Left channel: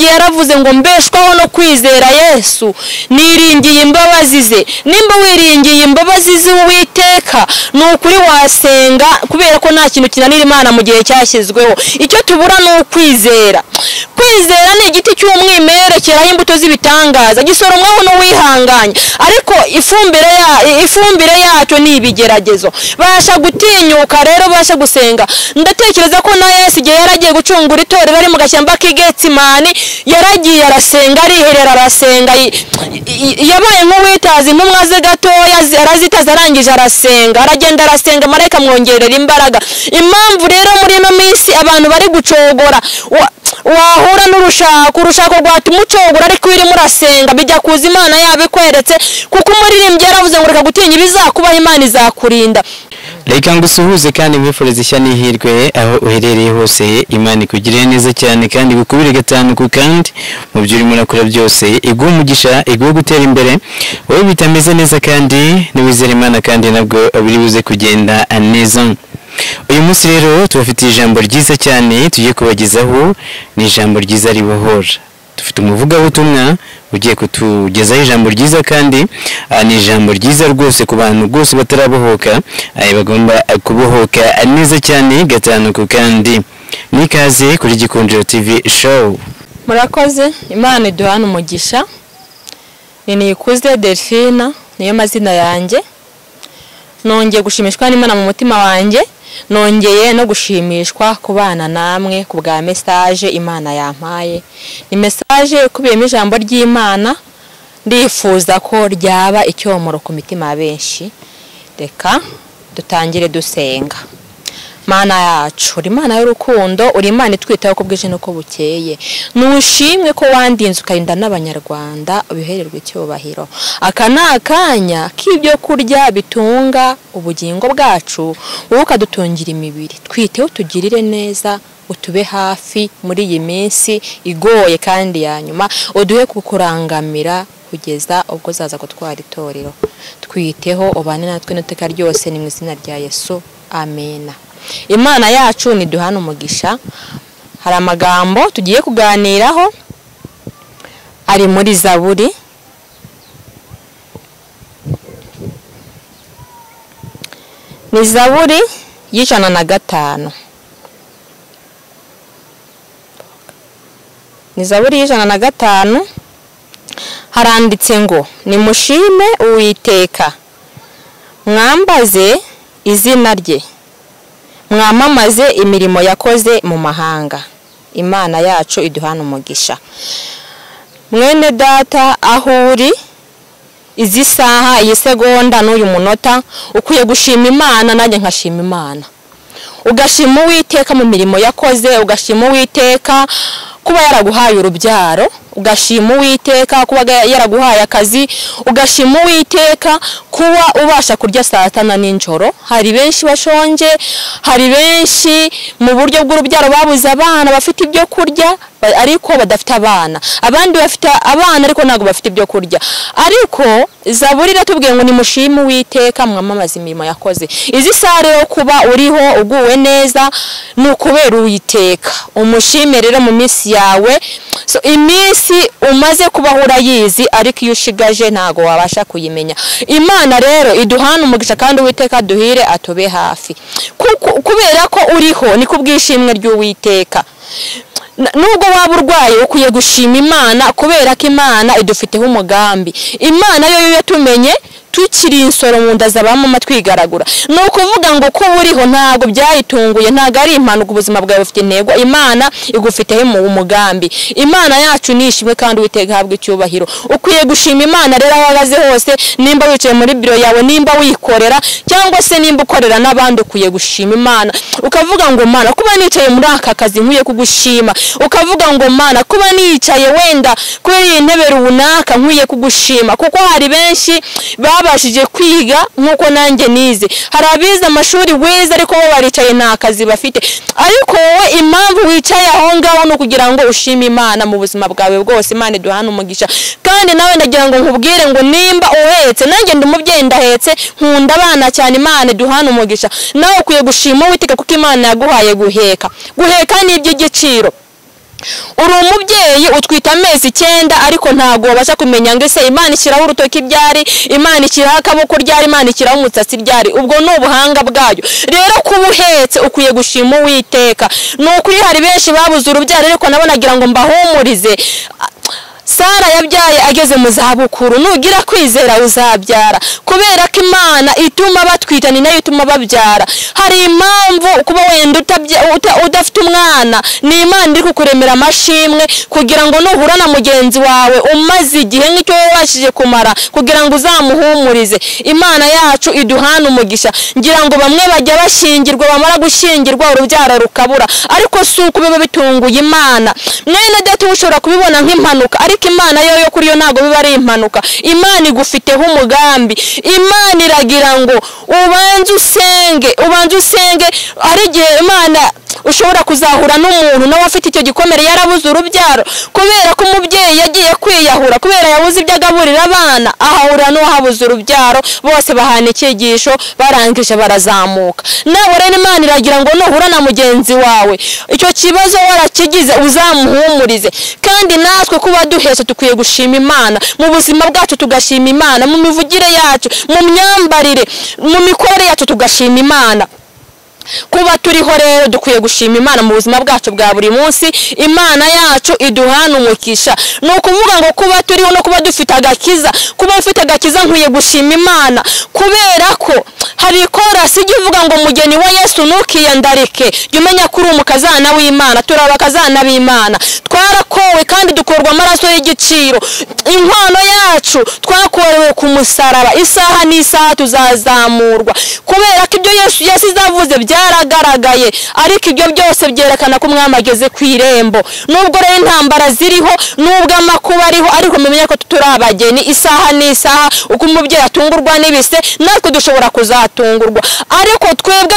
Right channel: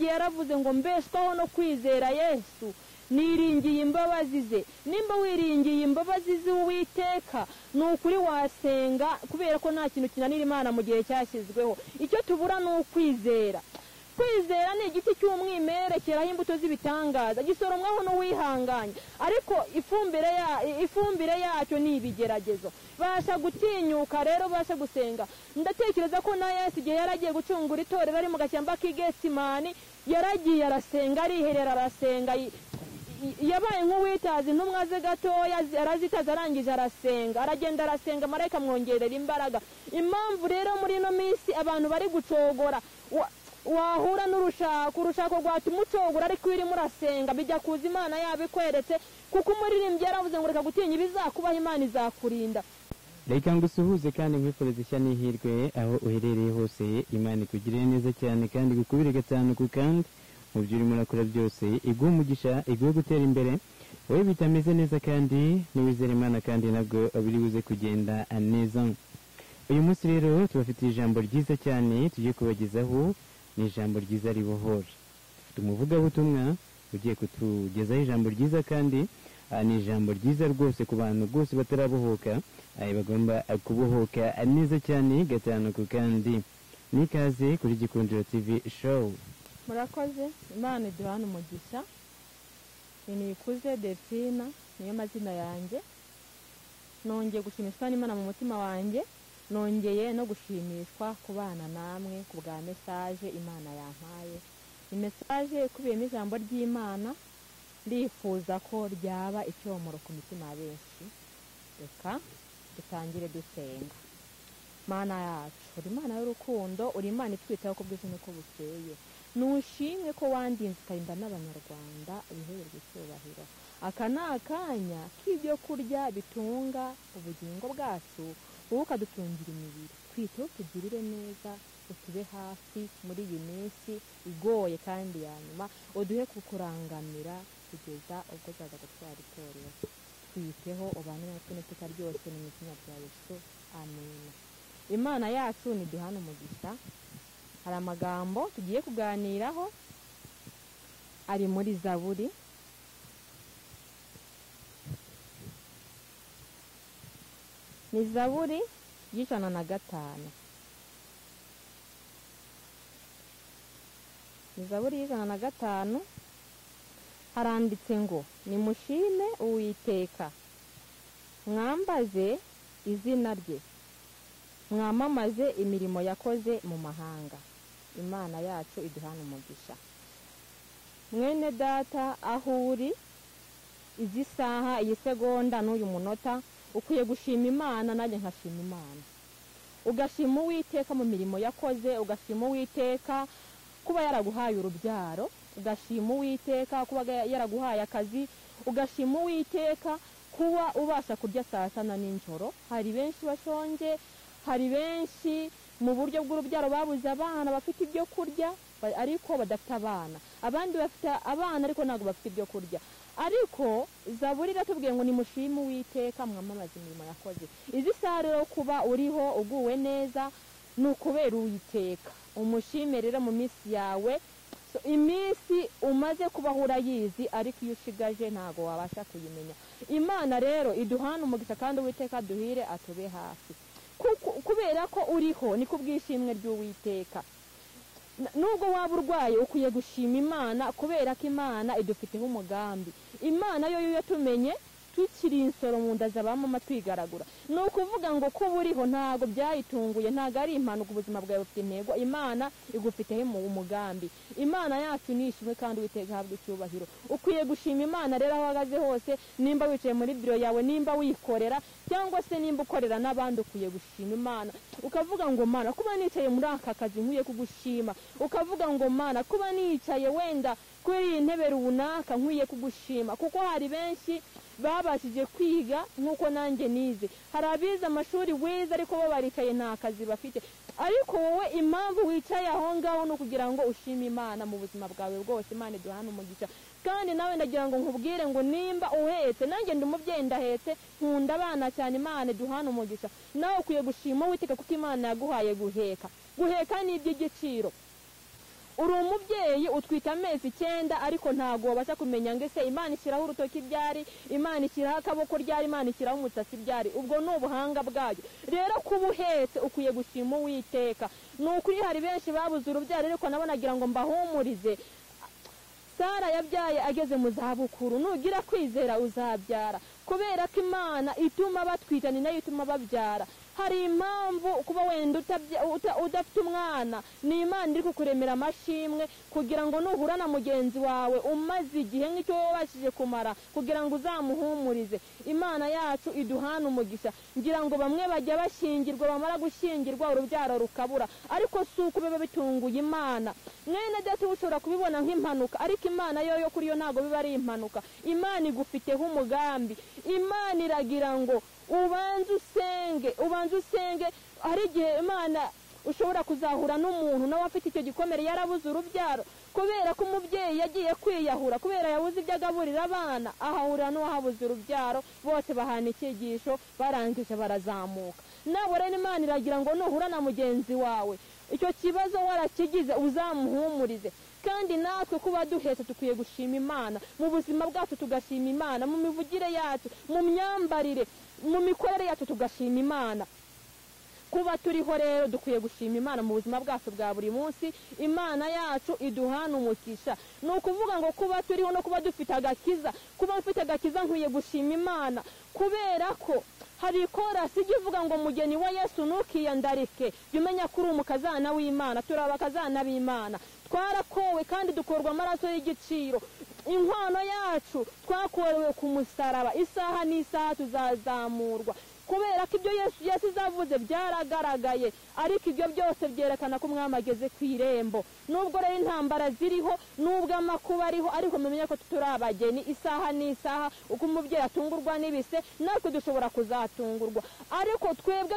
umuririmbyi yaravuze ngo mbeshwaho no kwizera Yesu niringiye imbabazi ze. Nimba wiringiye imbabazi ze Uwiteka nukuri wasenga kubera ko nta kintu kinanira Imana mu gihe cyashyizweho. Icyo tubura no kwizera. Kwizera ni igiti cy'umwimerere cyeraho imbuto z'ibitangaza gisoromwaho no wihanganye, ariko ifumbire yacyo ni ibigeragezo. Basha gutinyuka rero, basha gusenga. Ndatekereza ko na Yesu igihe yaragiye gucungura itorero ari mu gashyamba k'Igetsimani yaragiye arasenga, ariherera arasenga, yabaye nk'uwitaza intumwa ze gatoya arazitaza arangije arasenga, aragenda arasenga, marayika mwongerera imbaraga. Impamvu rero muri no minsi abantu bari gucogora wahura n'urushako rwatuma ucogora ariko urimo urasenga bijya kuza Imana yabikweretse, kuko umuririmbyi yaravuze ngo reka gutinya ibizakubaho Imana izakurinda. Reka ngusuhuze kandi mwifurize ishya n'ihirwe aho uherereye hose. Imana ikugirire neza cyane kandi gukubire gatanu ku kandi mu byo urimo urakora byose, iguhe umugisha, iguhe gutera imbere. Wowe bitameze neza kandi niwizere Imana kandi nabwo biri buze kugenda neza. Uyu munsi rero tubafitiye ijambo ryiza cyane tugiye kubagezaho, ni ijambo ryiza ribohora. Dufite umuvugabutumwa ugiye kutugezaho ijambo ryiza kandi ni ijambo ryiza rwose ku bantu rwose batarabohoka, bagomba kubohoka neza cyane gatanu ku kandi. Nikaze kuri Gikundiro TV show. Murakoze, Imana iduhana umugisha. Nikuze Delphine niyo mazina yanjye. Nongeye gushimishwa n'Imana mu mutima wanjye, nongeye no gushimishwa kubana namwe ku bwa message Imana yampaye. Ni message ikubiyemo ijambo ry'Imana, ndifuza ko ryaba icyomoro ku mitima benshi. Reka dutangire dusenga. Mana yacu, uri Imana y'urukundo, uri Imana itwitaho ko bwije nuko bukeye. Nushimwe ko wandinze ukarinda n'abanyarwanda, ubihererwe icyubahiro. Aka nakanya k'ibyo kurya bitunga ubugingo bwacu, wowe ukadutungira imibiri. Twiteho tugirire neza, utube hafi muri iyi minsi igoye kandi ya nyuma, uduhe kukurangamira kugeza ubwo zaza gutwara itorero. Twiteho ubane natwe n'iteka ryose, ni mu izina rya Yesu, amena. Imana yacu niduhana umugisha. Hari amagambo tugiye kuganiraho ari muri Zaburi. Ni Zaburi y'105. Ni Zaburi y'105. Haranditse ngo nimushime Uwiteka, mwambaze izina rye, mwamamaze imirimo yakoze mu mahanga. Imana yacu iduhana umugisha. Mwene data aho uri izi saha, iyi segonda n'uyu munota, ukwiye gushima Imana, nanjye nkashima Imana. Ugashima Uwiteka mu mirimo yakoze, ugashima Uwiteka kuba yaraguhaye urubyaro, ugashima Uwiteka kuba yaraguhaye akazi, ugashima Uwiteka kuba ubasha kurya saa tanu n'ijoro. Hari benshi bashonje, hari benshi mu buryo bw'urubyaro babuze abana bafite ibyo kurya ariko badafite abana, abandi bafite abana ariko ntago bafite ibyo kurya. Ariko Zaburi iratubwiye ngo nimushime Uwiteka, mwamamaze imirimo yakoze. Izi saa rero kuba uriho uguwe neza nukubera Uwiteka. Umushime rero mu minsi yawe. So iminsi umaze kubaho urayizi, ariko iyo ushigaje ntago wabasha kuyimenya. Imana rero iduhana umugisha kandi Uwiteka duhire atube hafi. Kubera ko uriho ni kubwishimwe ry'Uwiteka. Nubwo waba urwaye ukwiye gushima Imana, kubera ko Imana idufiteho umugambi. Imana yo yatumenye tukiri insoro mu nda z'abamama twigaragura. No kuvuga ngo ko buriho ntago byayitunguye, ntago ari impanuka, ubuzima bwawe bufite intego. Imana igufiteho umugambi. Imana yacu nishimwe kandi Uwiteka habwe icyubahiro. Ukwiye gushima Imana rero aho wagaze hose, nimba wicaye muri biro yawe, nimba wikorera cyangwa se nimba ukorera n'abandi, ukwiye gushima Imana. Ukavuga ngo Mana, kuba nicaye muri aka kazi nkwiye kugushima. Ukavuga ngo Mana, kuba nicaye wenda kuri iyi ntebe runaka nkwiye kugushima, kuko hari benshi babashije kwiga nkuko nanjye nize. Hari abize amashuri weza ariko bo baricaye nta kazi bafite. Ariko wowe impamvu wicaye aho ngaho no kugira ngo ushime Imana mu buzima bwawe bwose. Imana iduhana umugisha. Kandi nawe ndagira ngo nkubwire ngo nimba uhetse, nanjye ndi umubyeyi ndahetse, nkunda abana cyane. Imana iduhana umugisha. Nawe ukwiye gushima Uwiteka kuko Imana yaguhaye guheka. Guheka ni iby'igiciro. uri umubyeyi utwita amezi 9 ariko ntago wabasha kumenya ngo ese Imana ishyiraho urutoki ryari, Imana ishyiraho akaboko ryari, Imana ishyiraho umutsatsi ryari. Ubwo no ubuhanga bwayo. Rero kuba uhetse ukwiye gushima Uwiteka. Nukuri hari benshi babuze urubyaro ariko nabonagira ngo mbahumurize. Sara yabyaye ageze mu zabukuru, nugira kwizera uzabyara, kubera ko Imana ituma batwita ni nayo ituma babyara. Hari impamvu kuba wenda udafite umwana, ni Imana iri kukuremera amashimwe kugira ngo nuhura na mugenzi wawe umaze igihe nk'icyo wabashije kumara kugira ngo uzamuhumurize. Imana yacu iduhana umugisha. Ngira ngo bamwe bajya bashingirwa, bamara gushingirwa urubyaro rukabura, ariko si uko biba bitunguye Imana. Mwene data ushobora kubibona nk'impanuka, Imana yo kuri yo ntago biba ari impanuka. Imana igufiteho umugambi. Imana iragira ngo ubanze usenge. Ari gihe Imana ushobora kuzahura n'umuntu nawe afite icyo gikomere yarabuze urubyaro kubera ko umubyeyi yagiye kwiyahura kubera yabuze ibyo agaburira abana, ahahura n'uwahabuze urubyaro, bose bahana icyigisho barangije barazamuka. Nawe rero Imana iragira ngo nuhura na mugenzi wawe icyo kibazo warakigize uzamuhumurize. Kandi natwe kuba duhetse tukwiye gushima Imana mu buzima bwacu, tugashima Imana mu mivugire yacu, mu myambarire, mu mikorere yacu tugashima Imana. Kuba turiho rero dukwiye gushima Imana mu buzima bwacu bwa buri munsi. Imana yacu iduhana umugisha. Nukuvuga ngo kuba turiho no kuba dufite agakiza, kuba ufite agakiza nkwiye gushima Imana kubera ko hari korasi ivuga ngo mugeni wa Yesu nukiyandarike, umenya kuri umukazana w'Imana. Turabakazana b'Imana, twarakowe kandi dukorwa amaraso y'igiciro. Inkwano yacu twakorewe ku musaraba, isaha n'isaha tuzazamurwa kubera ko ibyo Yesu yasizavuze byaragaragaye. Ariko ibyo byose byerekana ko umwami ageze ku irembo. Nubwo rero intambara ziriho, nubwo amakuba ariho, ariko mumenye ko turabageni isaha n'isaha. Uko umubyeyi atungurwa n'ibise, natwe dushobora kuzatungurwa. Ariko twebwe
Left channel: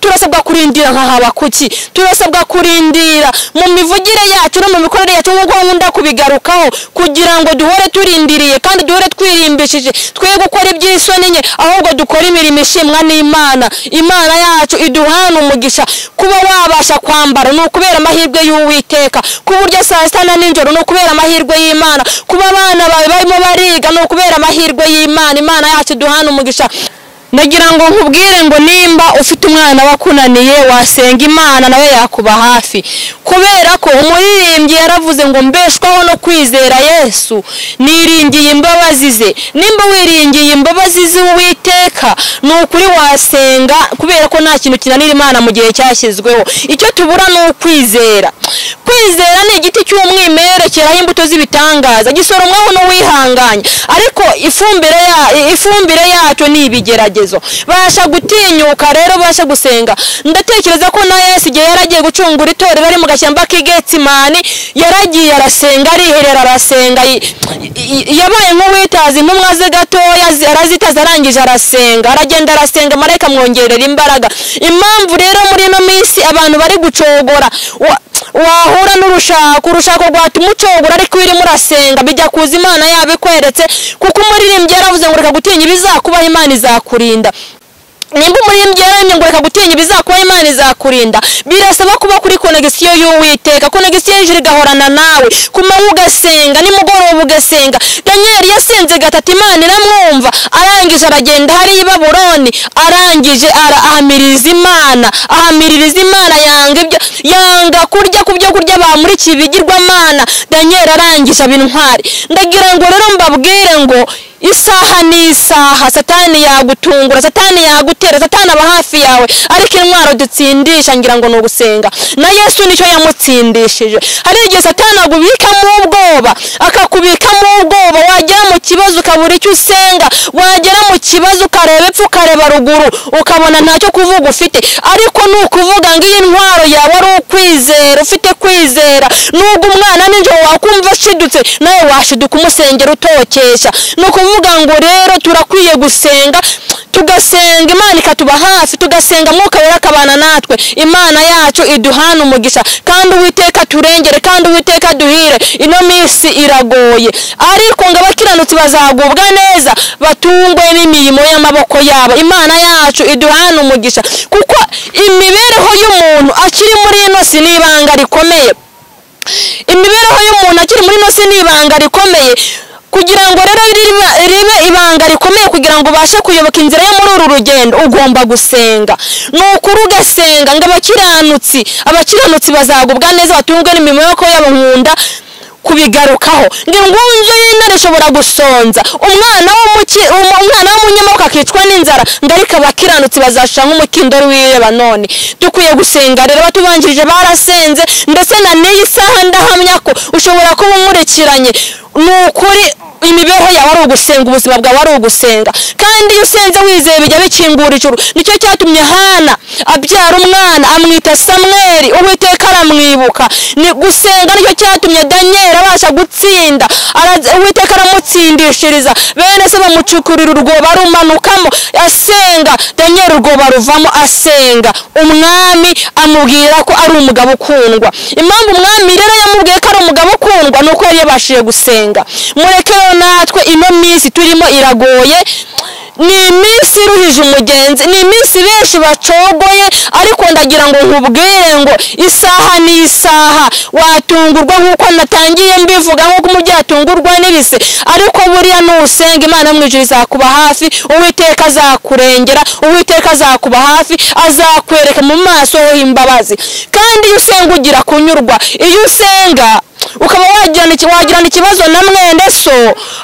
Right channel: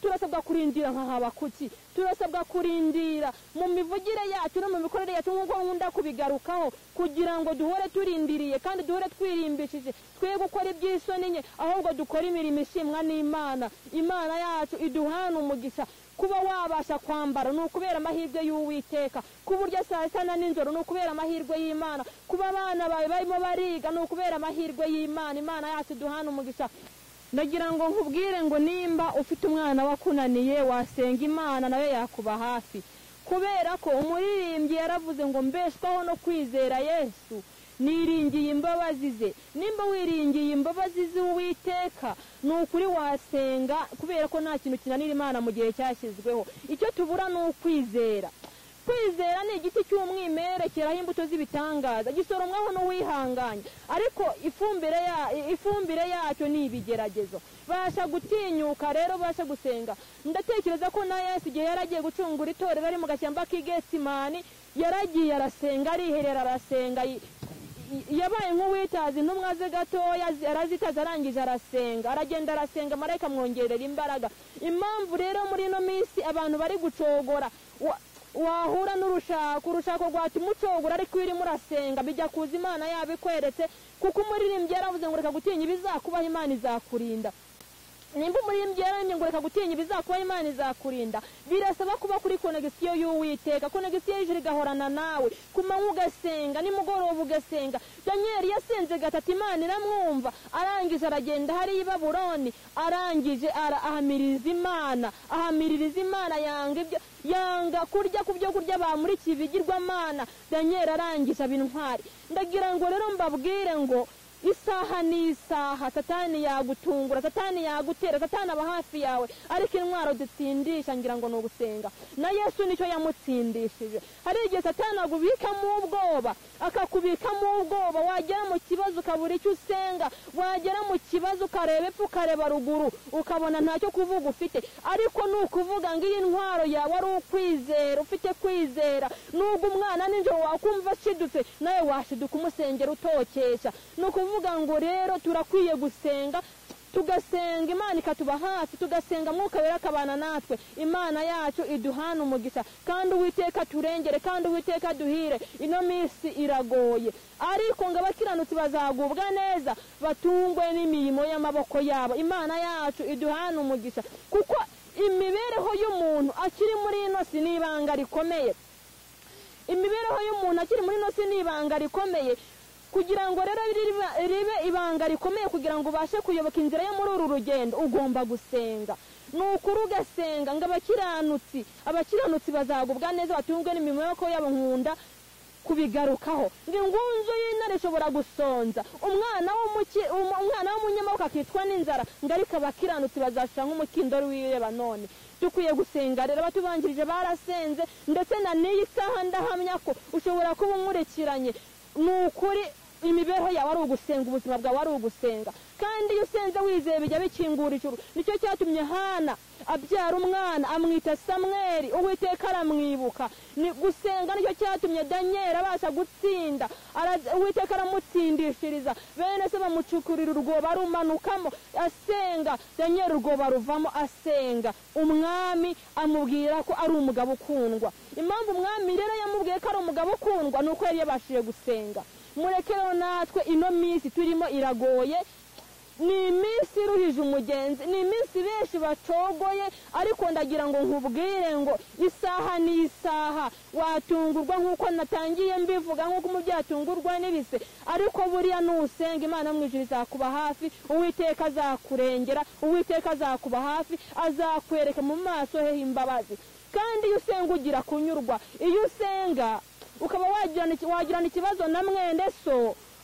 turasabwa kurindira nka Habakuki, turasabwa kurindira mu mivugire yacu no mu mikorere yacu, nk'uko nkunda kubigarukaho, kugira ngo duhore turindiriye kandi duhore twirimbishije, twe gukora iby'isoni nke, ahubwo dukora imirimo ishimwa n'Imana. Imana yacu iduhana umugisha. Kuba wabasha kwambara ni ukubera amahirwe y'Uwiteka, kuburyo saa sita na nijoro ni ukubera amahirwe y'Imana, kuba abana bawe barimo bariga ni ukubera amahirwe y'Imana. Imana yacu iduhana umugisha. Nagira ngo nkubwire ngo nimba ufite umwana wakunaniye wasenga Imana nawe yakuba hafi, kubera ko umuririmbyi yaravuze ngo mbeshwaho no kwizera Yesu, niringiye imbabazi ze. Nimba wiringiye imbabazi z'Uwiteka ni ukuri wasenga, kubera ko nta kintu kinanira Imana mu gihe cyashyizweho. Icyo tubura ni ukwizera. Kwizera ni igiti cy'umwimerere cyeraho imbuto z'ibitangaza, gisoromwaho n'uwihanganye, ariko ifumbire yacyo ni ibigeragezo. Basha gutinyuka rero, basha gusenga. Ndatekereza ko na Yesu igihe yaragiye gucungura itorero ari mu gashyamba k'Igetsimani, yaragiye arasenga, ariherera arasenga, yabaye nk'uwitaza intumwa ze gatoya, arazitaza arangije arasenga, aragenda arasenga, marayika mwongerera imbaraga. Impamvu rero muri ino minsi abantu bari gucogora, wahura urushako rwatuma ucogora, ariko irimo urasenga bijya kuza Imana yabikweretse, kuko umuririmbyi yaravuze ngo reka gutinya ibizakubaho, Imana izakurinda. Nimba umuririmbyi yaremye ngo reka gutinya ibizakubaho, Imana izakurinda. Birasaba kuba kuri konegisiyo y'Uwiteka, konegisiyo y'ijuru igahorana nawe, kumanywa ugasenga, nimugoroba ugasenga. Daniel yasenze 3, Imana iramwumva, arangije aragenda hari i Babuloni, arangije ahamiriza Imana, yanga kurya ku byo kurya bamurikiye ibigirwamana. Daniel arangije abintwari. Ndagira ngo rero mbabwire ngo isaha n'isaha Satani yagutungura, Satani yagutera, Satani aba hafi yawe, ariko intwaro dutsindisha ngira ngo no gusenga. Na Yesu nicyo yamutsindishije. Hari igihe Satani agubikamo ubwoba, akakubikamo ubwoba, wagera mu kibazo ukabura icyo usenga, wagera mu kibazo ukareba epfo ukareba ruguru ukabona ntacyo kuvuga ufite. Ariko nukuvuga ngo iyi ntwaro yawe ari ukwizera, ufite kwizera. Nubwo umwana ninjye wakumva ashidutse, nawe washiduka umusengera utokesha. Nuko vuga ngo rero turakwiye gusenga, tugasenga Imana ikatuba hafi, tugasenga Mwuka Wera akabana natwe, Imana yacu iduhana umugisha, kandi Uwiteka turengere, kandi Uwiteka duhire. Ino minsi iragoye, ariko ngo abakiranutsi bazagubwa neza, batungwe n'imirimo y'amaboko yabo. Imana yacu iduhana umugisha, kuko imibereho y'umuntu akiri muri ino si n'ibanga rikomeye. Imibereho y'umuntu akiri muri ino si n'ibanga rikomeye, kugira ngo rero ribe ibanga rikomeye, kugira ngo ubashe kuyoboka inzira yo muri uru rugendo ugomba gusenga. Nukuri ugasenga ngo abakiranutsi bazagubwa neza, batungwe n'imirimo y'amaboko yabo. Nkunda kubigarukaho ngo ingunzu y'intare ishobora gusonza umwana w'umunyamaboko akicwa n'inzara, ngo ariko abakiranutsi bazashira nk'umukindori w'ireba. None dukwiye gusenga rero, batubanjirije barasenze, ndetse na n'iyi saha ndahamya ko ushobora kuba umurikiranye. Nukuri imibereho yawe ari ugusenga, ubuzima bwawe ari ugusenga, kandi iyo usenze wizeye bijya bikingura ijuru. Nicyo cyatumye Hana abyara umwana amwita Samweli, Uwiteka aramwibuka. Ni gusenga nicyo cyatumye Daniel abasha gutsinda, Uwiteka aramutsindishiriza, bene se bamucukurira urwobo arumanukamo asenga, Daniel urwobo ruvamo asenga. Umwami amubwira ko ari umugabo ukundwa. Impamvu umwami rero yamubwiye ko ari umugabo ukundwa nuko yari yabashije gusenga. Mureke natwe ino minsi turimo iragoye, ni iminsi iruhije umugenzi, ni iminsi benshi bacogoye, ariko ndagira ngo nkubwire ngo isaha ni isaha. Watungurwa nk'uko natangiye mbivuga, nk'uko umubyeyi atungurwa n'ibise, ariko buriya nusenga Imana mu ijuru izakuba hafi, Uwiteka azakurengera, Uwiteka azakuba hafi, azakwereka mu maso ho imbabazi. Kandi iyo usenga ugira kunyurwa, iyo usenga ukaba wagirana ikibazo na mwene so,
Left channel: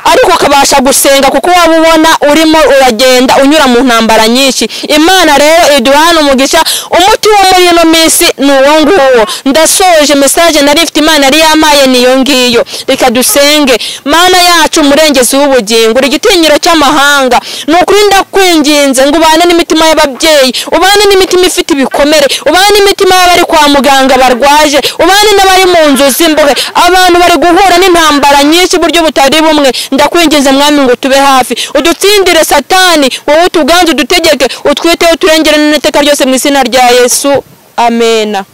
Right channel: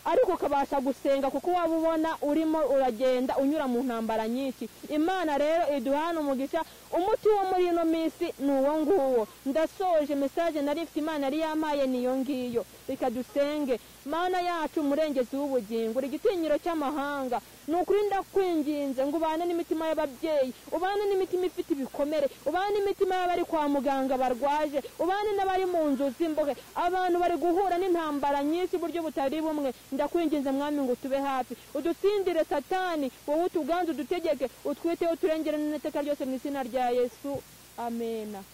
ariko ukabasha gusenga kuko waba ubona urimo uragenda unyura mu ntambara nyinshi. Imana rero iduhana umugisha. Umuti wo muri ino minsi ni uwo nguwo. Ndasoje message nari ifite Imana yari yamaye niyo ngiyo. Reka dusenge. Mana yacu umurengezi w'ubugingo, uri igitinyiro cy'amahanga, nukuri ndakwinginze ngo ubane n'imitima y'ababyeyi, ubane n'imitima ifite ibikomere, ubane n'imitima y'abari kwa muganga barwaje, ubane n'abari mu nzu z'imbohe, abantu bari guhura n'intambara nyinshi buryo butari bumwe. Ndakwinginze Mwami ngo tube hafi, udutsindire Satani, wowe tuganze udutegeke, utwiteho turengere n'iteka ryose mu izina rya Yesu. Amena.